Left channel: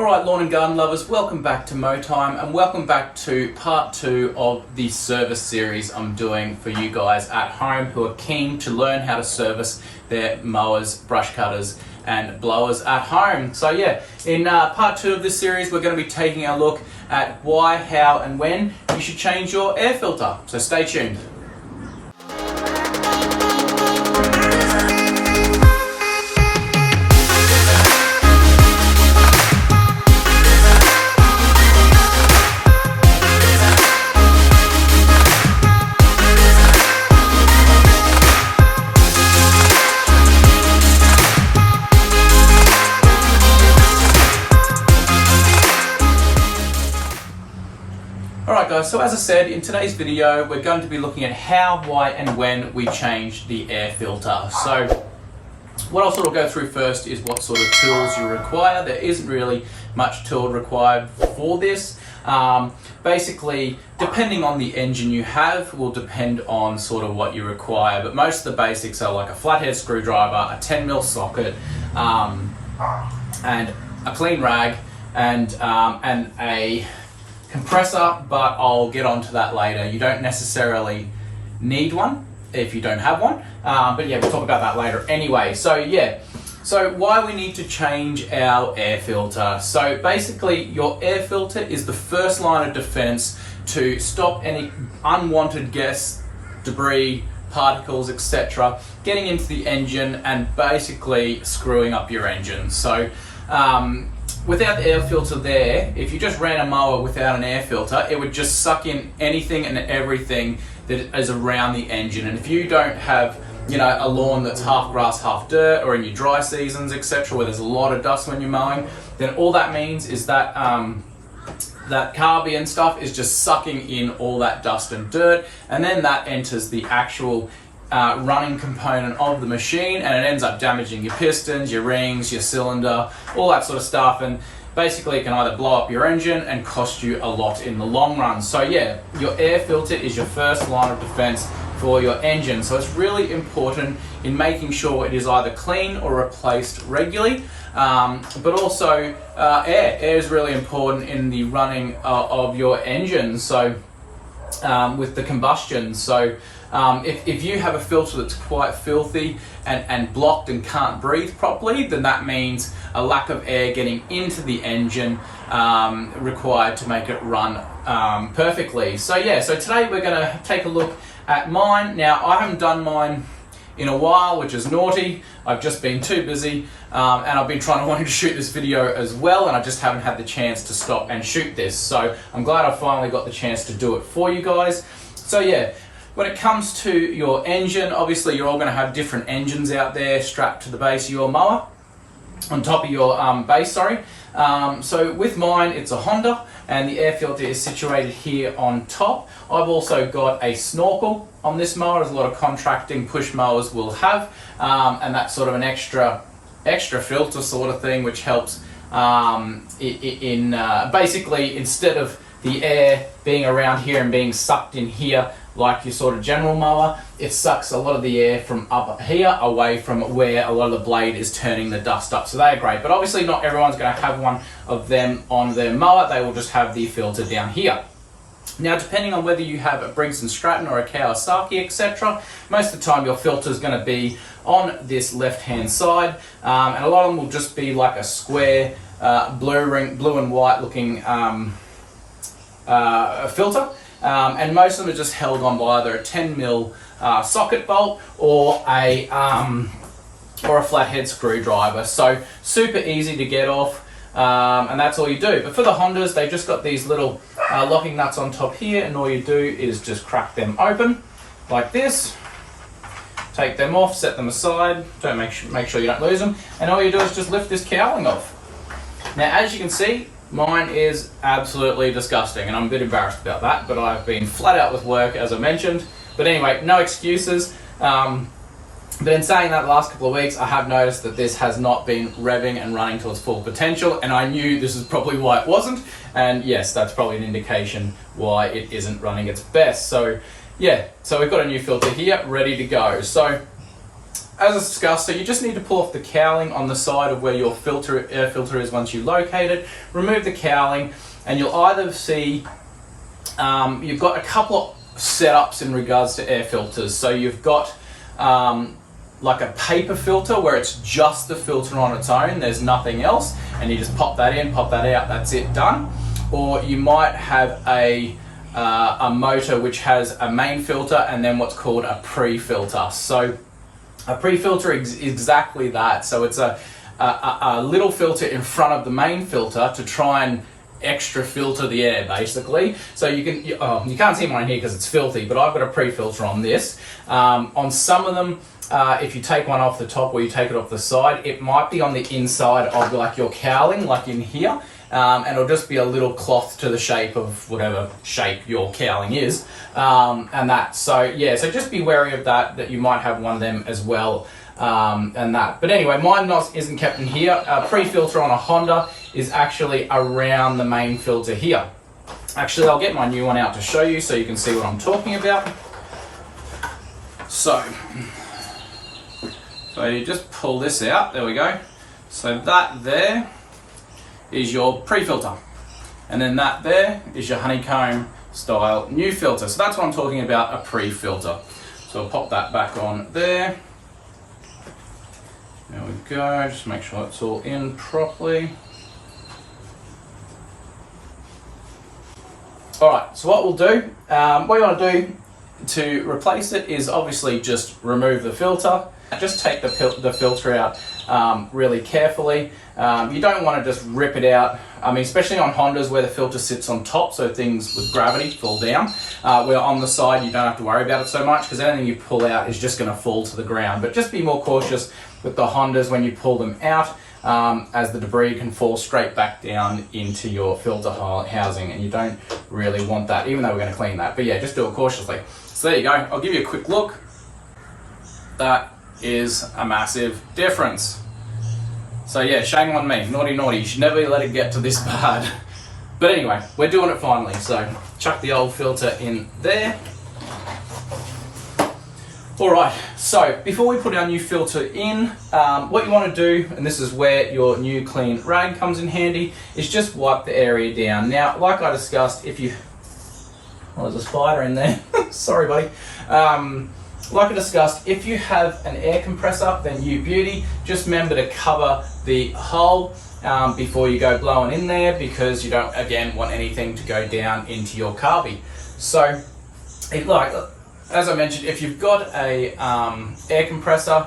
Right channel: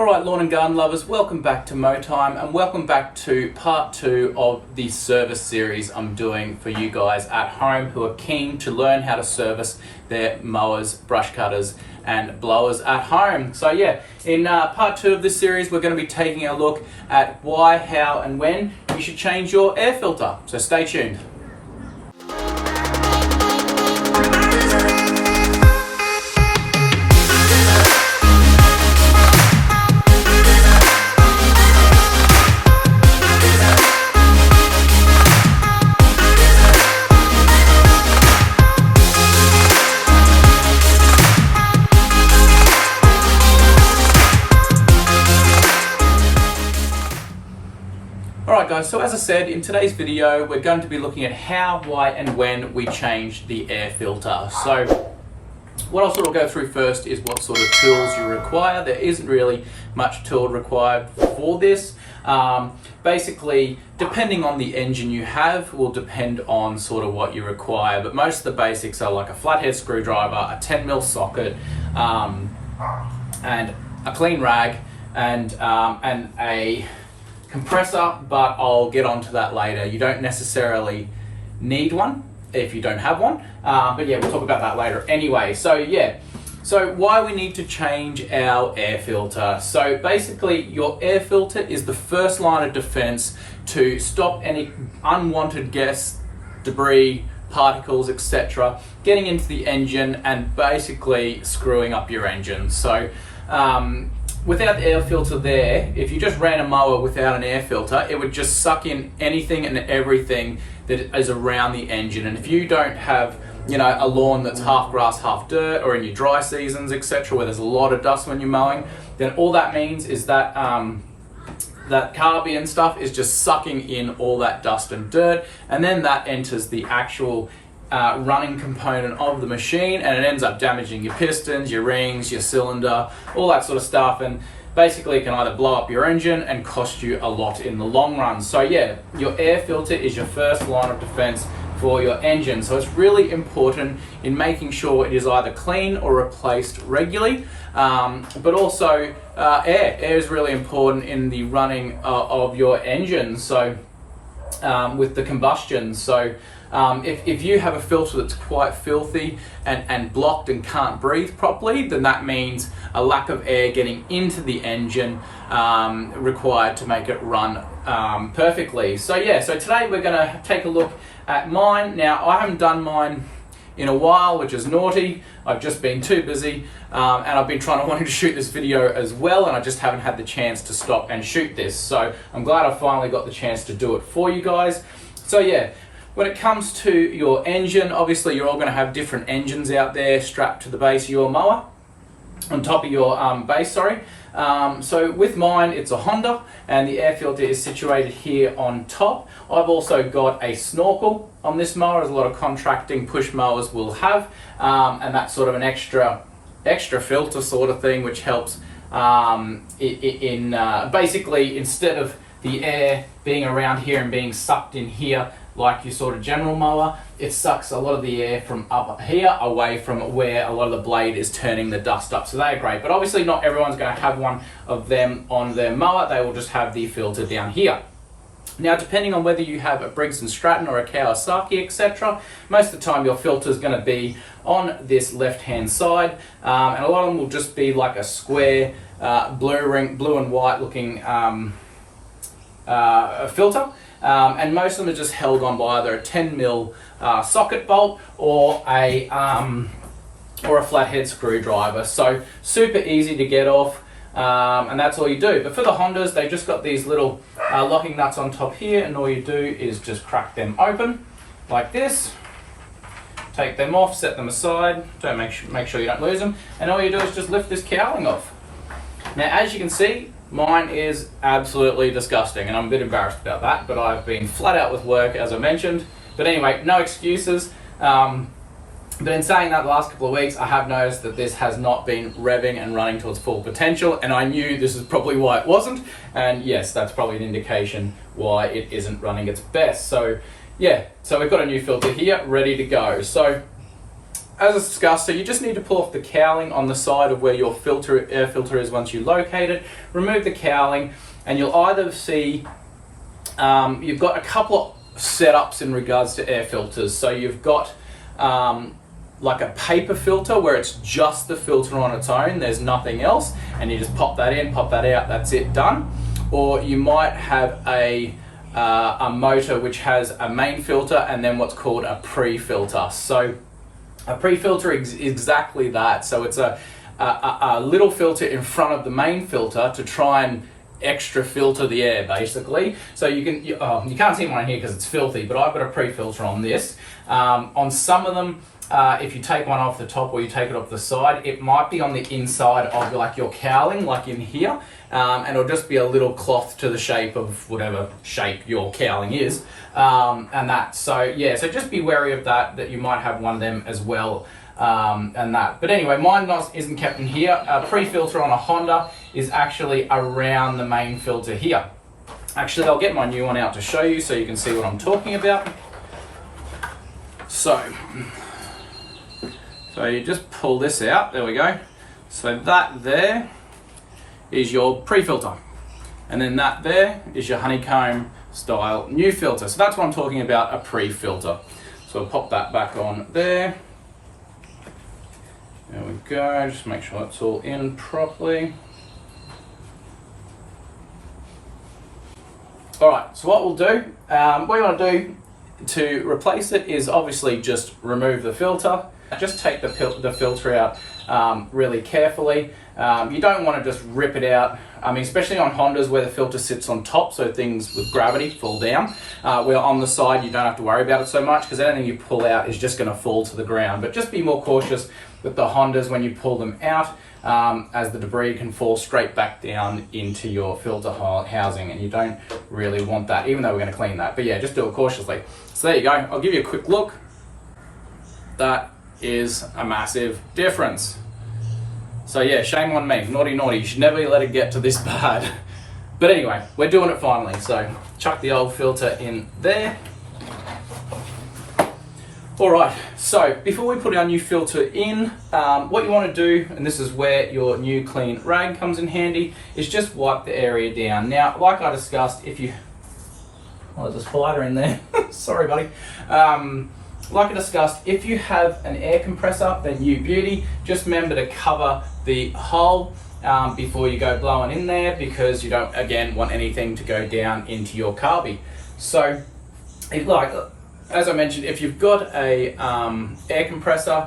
Alright, lawn and garden lovers, welcome back to Mow Time and welcome back to part 2 of the service series I'm doing for you guys at home who are keen to learn how to service their mowers, brush cutters and blowers at home. So yeah, in part 2 of this series we're going to be taking a look at why, how and when you should change your air filter. So stay tuned. Alright guys, so as I said, in today's video we're going to be looking at how, why and when we change the air filter. So what I'll sort of go through first is what sort of tools you require. There isn't really much tool required for this. Basically, depending on the engine you have will depend on sort of what you require, but most of the basics are like a flathead screwdriver, a 10mm socket, and a clean rag and a compressor, but I'll get onto that later. You don't necessarily need one if you don't have one, but yeah, we'll talk about that later anyway. So yeah, so why we need to change our air filter. So basically your air filter is the first line of defense to stop any unwanted gas, debris, particles, etc. getting into the engine and basically screwing up your engine. So without the air filter there, if you just ran a mower without an air filter, it would just suck in anything and everything that is around the engine. And if you don't have, you know, a lawn that's half grass, half dirt, or in your dry seasons, etc., where there's a lot of dust when you're mowing, then all that means is that that carby and stuff is just sucking in all that dust and dirt, and then that enters the actual running component of the machine, and it ends up damaging your pistons, your rings, your cylinder, all that sort of stuff, and basically it can either blow up your engine and cost you a lot in the long run. So yeah, your air filter is your first line of defense for your engine, so it's really important in making sure it is either clean or replaced regularly, but also air is really important in the running of your engine, so with the combustion. So if you have a filter that's quite filthy and blocked and can't breathe properly, then that means a lack of air getting into the engine required to make it run perfectly. So yeah, so today we're going to take a look at mine. Now I haven't done mine in a while, which is naughty. I've just been too busy and I've been wanting to shoot this video as well, and I just haven't had the chance to stop and shoot this. So I'm glad I finally got the chance to do it for you guys. So yeah, when it comes to your engine, obviously you're all going to have different engines out there strapped to the base of your mower, on top of your base, sorry. So with mine, it's a Honda, and the air filter is situated here on top. I've also got a snorkel on this mower, as a lot of contracting push mowers will have, and that's sort of an extra filter sort of thing, which helps basically, instead of the air being around here and being sucked in here like your sort of general mower, it sucks a lot of the air from up here away from where a lot of the blade is turning the dust up. So they're great, but obviously not everyone's going to have one of them on their mower. They will just have the filter down here. Now, depending on whether you have a Briggs & Stratton or a Kawasaki, etc., most of the time your filter is going to be on this left-hand side, and a lot of them will just be like a square blue and white looking filter. And most of them are just held on by either a 10mm socket bolt or a flathead screwdriver. So super easy to get off, and that's all you do. But for the Hondas, they've just got these little locking nuts on top here, and all you do is just crack them open like this. Take them off, set them aside. Don't make sure you don't lose them, and all you do is just lift this cowling off. Now, as you can see, mine is absolutely disgusting, and I'm a bit embarrassed about that, but I've been flat out with work, as I mentioned. But anyway, no excuses. But in saying that, the last couple of weeks, I have noticed that this has not been revving and running to its full potential, and I knew this is probably why it wasn't. And yes, that's probably an indication why it isn't running its best. So yeah, so we've got a new filter here ready to go. So as discussed, so you just need to pull off the cowling on the side of where your air filter is once you locate it. Remove the cowling, and you'll either see you've got a couple of setups in regards to air filters. So you've got like a paper filter where it's just the filter on its own, there's nothing else, and you just pop that in, pop that out, that's it, done. Or you might have a motor which has a main filter and then what's called a pre-filter. So a pre-filter is exactly that. So it's a little filter in front of the main filter to try and extra filter the air, basically. So you can't see mine here because it's filthy, but I've got a pre-filter on this. On some of them, if you take one off the top or you take it off the side, it might be on the inside of like your cowling, like in here, and it'll just be a little cloth to the shape of whatever shape your cowling is, and that. So yeah, so just be wary of that you might have one of them as well, and that. But anyway, mine isn't kept in here. A pre-filter on a Honda is actually around the main filter here. Actually, I'll get my new one out to show you so you can see what I'm talking about. So you just pull this out, there we go. So that there is your pre-filter. And then that there is your honeycomb style new filter. So that's what I'm talking about, a pre-filter. So I'll pop that back on there. There we go, just make sure it's all in properly. All right, so what we'll do, what you want to do to replace it is obviously just remove the filter. Just take the filter out really carefully. You don't want to just rip it out. I mean, especially on Hondas where the filter sits on top, so things with gravity fall down. Where on the side, you don't have to worry about it so much because anything you pull out is just going to fall to the ground. But just be more cautious with the Hondas when you pull them out, as the debris can fall straight back down into your filter housing, and you don't really want that, even though we're going to clean that. But yeah, just do it cautiously. So there you go. I'll give you a quick look. That is a massive difference. So yeah, shame on me. Naughty. You should never let it get to this bad. But anyway, we're doing it finally. So chuck the old filter in there. All right, so before we put our new filter in, what you want to do, and this is where your new clean rag comes in handy, is just wipe the area down. Now, like I discussed, if you... Oh, there's a spider in there. Sorry, buddy. Like I discussed, if you have an air compressor, then you beauty. Just remember to cover the hole before you go blowing in there, because you don't, again, want anything to go down into your carby. So, as I mentioned, if you've got a air compressor,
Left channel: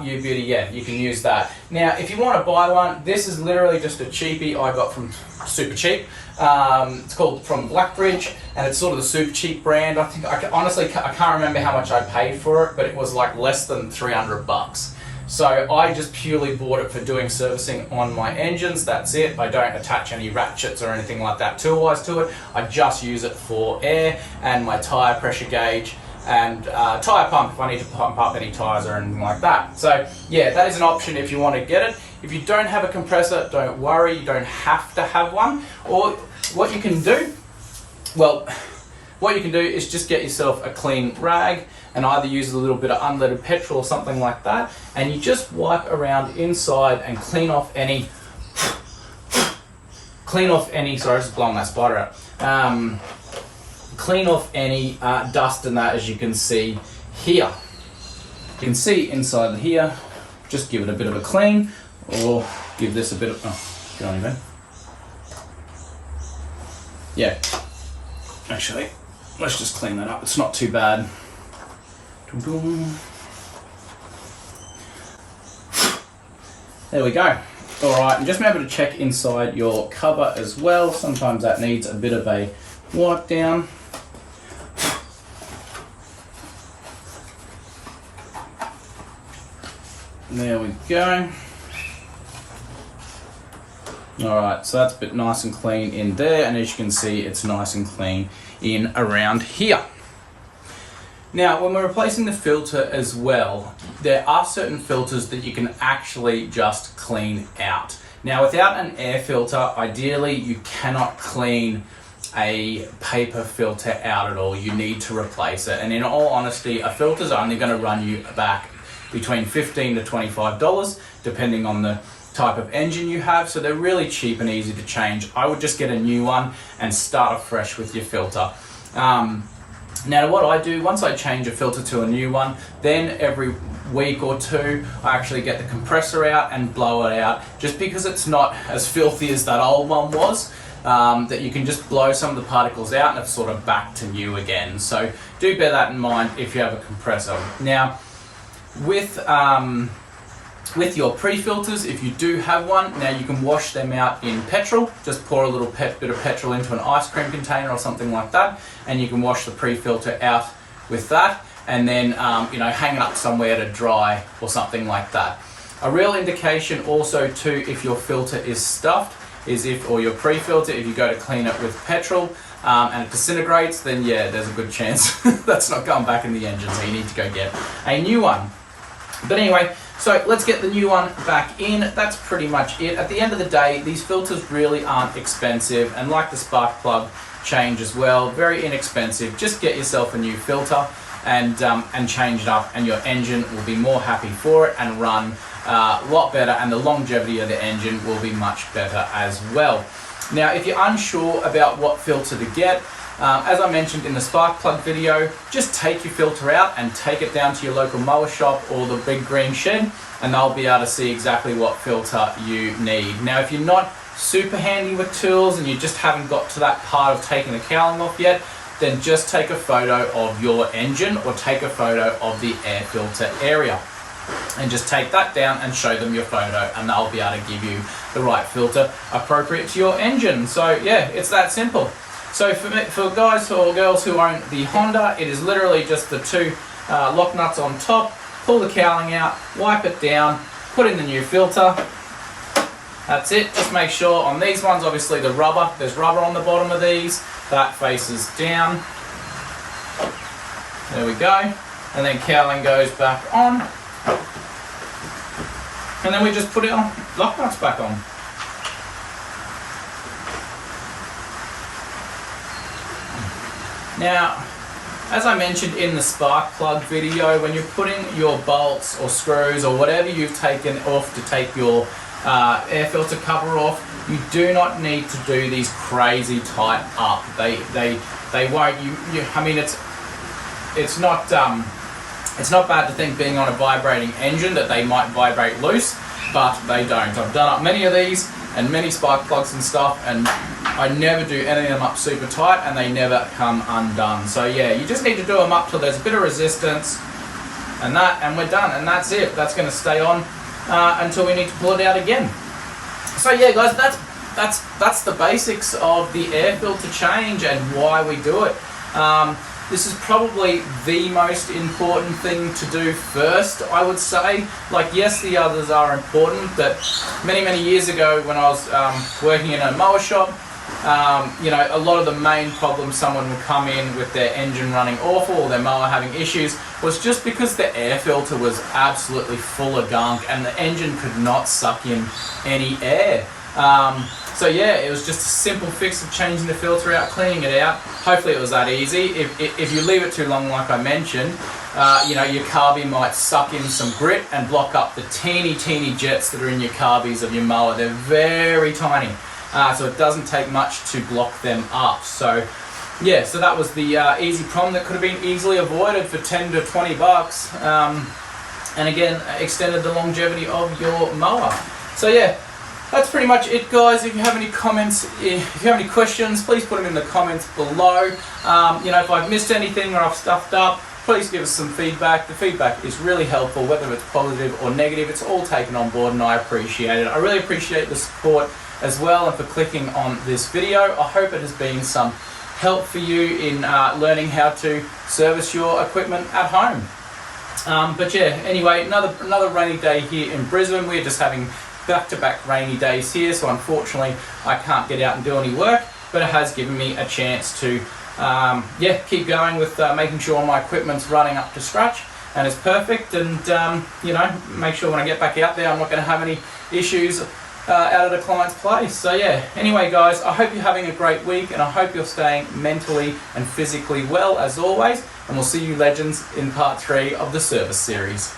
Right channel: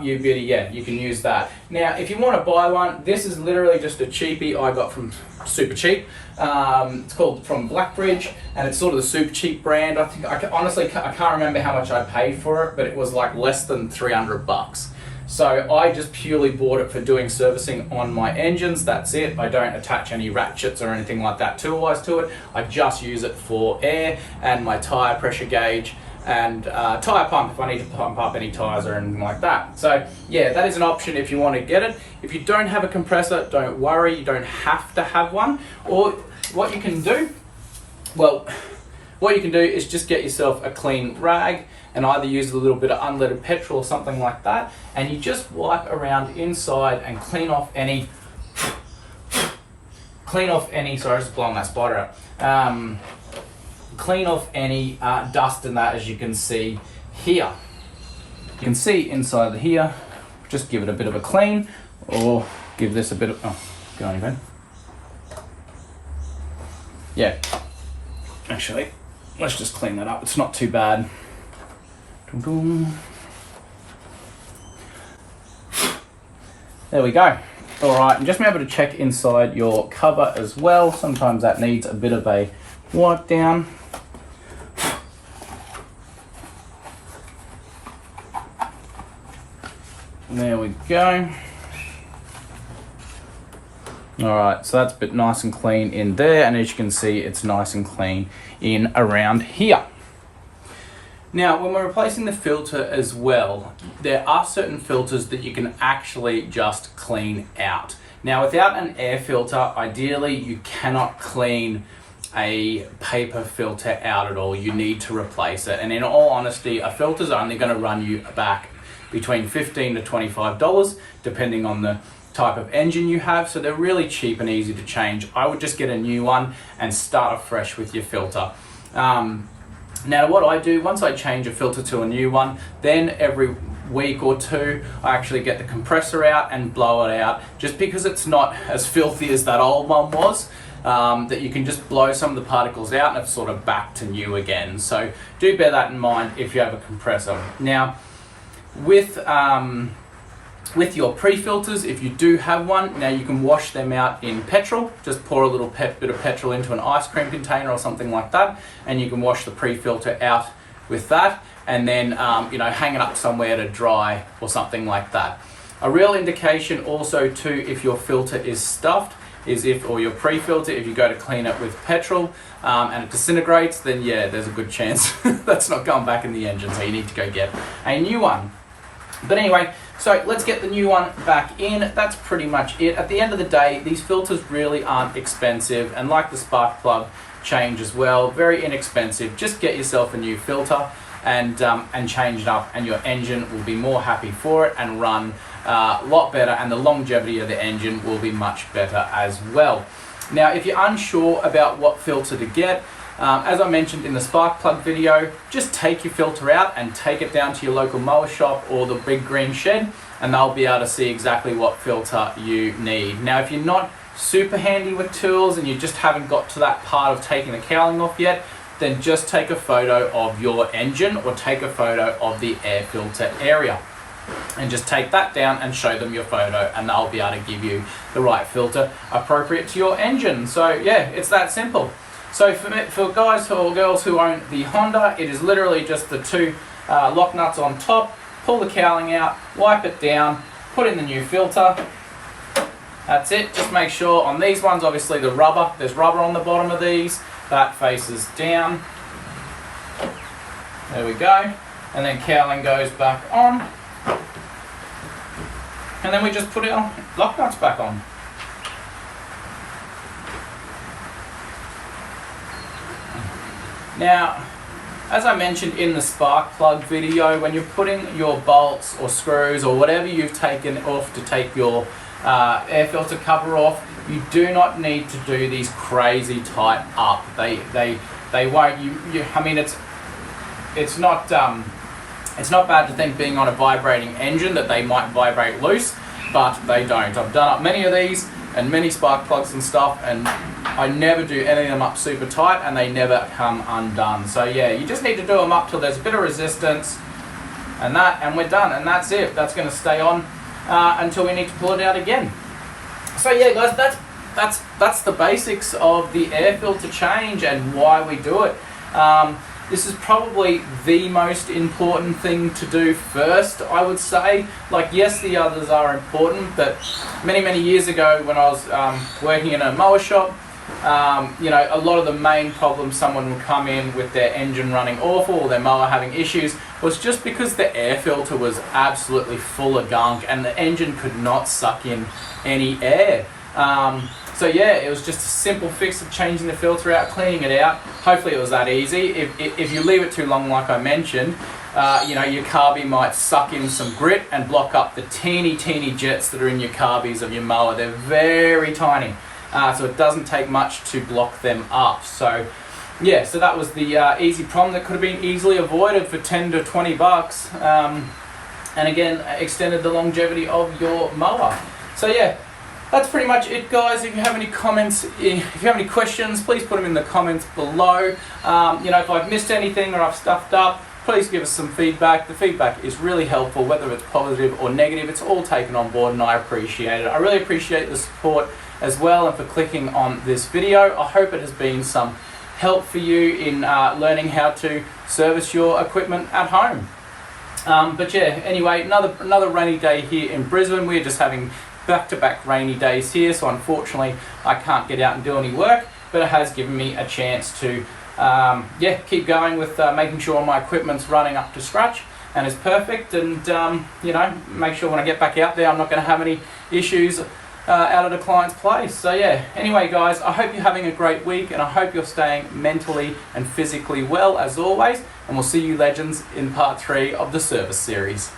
you beauty, yeah, you can use that. Now, if you want to buy one, this is literally just a cheapie I got from Super Cheap. It's called from Blackbridge, and it's sort of the super cheap brand. I think honestly I can't remember how much I paid for it, but it was like less than 300 bucks. So I just purely bought it for doing servicing on my engines. That's it. I don't attach any ratchets or anything like that tool-wise to it. I just use it for air and my tire pressure gauge and tire pump if I need to pump up any tires or anything like that. So yeah, that is an option if you want to get it. If you don't have a compressor, don't worry, you don't have to have one. Or what you can do, is just get yourself a clean rag and either use a little bit of unleaded petrol or something like that, and you just wipe around inside and clean off any, sorry, I was just blowing that spider out. Clean off any dust and that, as you can see here. You can see inside here, just give it a bit of a clean, or give this a bit of, oh, get on your bed. Yeah, actually, let's just clean that up. It's not too bad. There we go. All right, and just remember to check inside your cover as well. Sometimes that needs a bit of a wipe down. There we go. All right, so that's a bit nice and clean in there, and as you can see, it's nice and clean in around here. Now, when we're replacing the filter as well, there are certain filters that you can actually just clean out. Now, without an air filter, ideally, you cannot clean a paper filter out at all. You need to replace it. And in all honesty, a filter's only going to run you back between $15 to $25, depending on the type of engine you have. So they're really cheap and easy to change. I would just get a new one and start afresh with your filter. Now what I do, once I change a filter to a new one, then every week or two I actually get the compressor out and blow it out, just because it's not as filthy as that old one was. That you can just blow some of the particles out and it's sort of back to new again. So do bear that in mind if you have a compressor. Now with your pre-filters, if you do have one, now you can wash them out in petrol. Just pour a little bit of petrol into an ice cream container or something like that, and you can wash the pre-filter out with that, and then hang it up somewhere to dry or something like that. A real indication also too, if your filter is stuffed, is or your pre-filter, if you go to clean it with petrol and it disintegrates, then yeah, there's a good chance that's not going back in the engine, so you need to go get a new one. But anyway, so let's get the new one back in. That's pretty much it. At the end of the day, these filters really aren't expensive, and like the spark plug change as well, very inexpensive. Just get yourself a new filter and change it up, and your engine will be more happy for it and run a lot better, and the longevity of the engine will be much better as well. Now, if you're unsure about what filter to get, as I mentioned in the spark plug video, just take your filter out and take it down to your local mower shop or the big green shed, and they'll be able to see exactly what filter you need. Now, if you're not super handy with tools and you just haven't got to that part of taking the cowling off yet, then just take a photo of your engine or take a photo of the air filter area. And just take that down and show them your photo, and they'll be able to give you the right filter appropriate to your engine. So yeah, it's that simple. So for guys or girls who own the Honda, it is literally just the two lock nuts on top. Pull the cowling out, wipe it down, put in the new filter. That's it. Just make sure on these ones, obviously there's rubber on the bottom of these. That faces down. There we go. And then cowling goes back on. And then we just put our lock nuts back on. Now, as I mentioned in the spark plug video, when you're putting your bolts or screws or whatever you've taken off to take your air filter cover off, you do not need to do these crazy tight up. They won't. I mean, it's not bad to think, being on a vibrating engine, that they might vibrate loose, but they don't. I've done up many of these and many spark plugs and stuff, and I never do any of them up super tight, and they never come undone. So yeah, you just need to do them up till there's a bit of resistance, and we're done, and that's it. That's going to stay on until we need to pull it out again. So yeah, guys, that's the basics of the air filter change and why we do it. This is probably the most important thing to do first, I would say. Like, yes, the others are important, but many years ago when I was working in a mower shop, a lot of the main problems someone would come in with their engine running awful or their mower having issues was just because the air filter was absolutely full of gunk and the engine could not suck in any air. So yeah, it was just a simple fix of changing the filter out, cleaning it out. Hopefully it was that easy. If you leave it too long, like I mentioned, your carby might suck in some grit and block up the teeny jets that are in your carbies of your mower. They're very tiny, so it doesn't take much to block them up. So yeah, so that was the easy problem that could have been easily avoided for 10 to 20 bucks. And again, extended the longevity of your mower. So yeah, that's pretty much it, guys. If you have any comments, if you have any questions, please put them in the comments below. If I've missed anything or I've stuffed up, please give us some feedback. The feedback is really helpful, whether it's positive or negative. It's all taken on board, and I appreciate it. I really appreciate the support as well, and for clicking on this video. I hope it has been some help for you in learning how to service your equipment at home. But yeah, anyway, another rainy day here in Brisbane. We're just having back-to-back rainy days here, so unfortunately I can't get out and do any work, but it has given me a chance to keep going with making sure my equipment's running up to scratch and is perfect, and make sure when I get back out there I'm not going to have any issues out at a client's place. So yeah, anyway guys, I hope you're having a great week, and I hope you're staying mentally and physically well as always, and we'll see you legends in part 3 of the service series.